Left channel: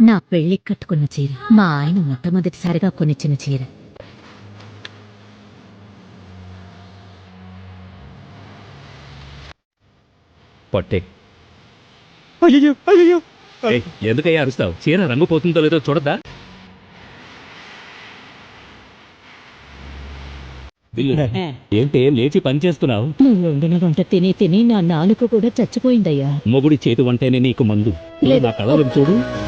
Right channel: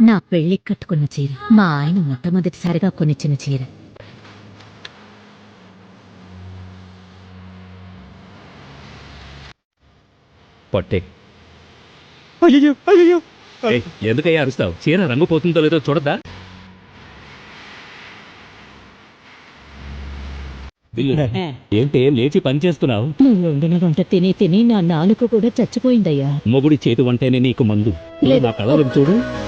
నా పెళ్లికి కట్టుకున్న చీర, మా ఆయన మొట్టమొదటిసారిగా కొనిచ్చిన చీర. పట్టే. అయ్యో అయ్యో ఎందుకయ్యా అరుస్తావు? చీర రంగు పోతుందో లేదో చూడద్దా? ఏంటి లేచి పని చేస్తున్నావు? నువ్వు వండిన వంట తిని తిని నా నాలుక కూడా చచ్చిపోయిందయ్యా. మొగుడి చేతి వంటేనే నీకు మందు. నా కళలను చూడు.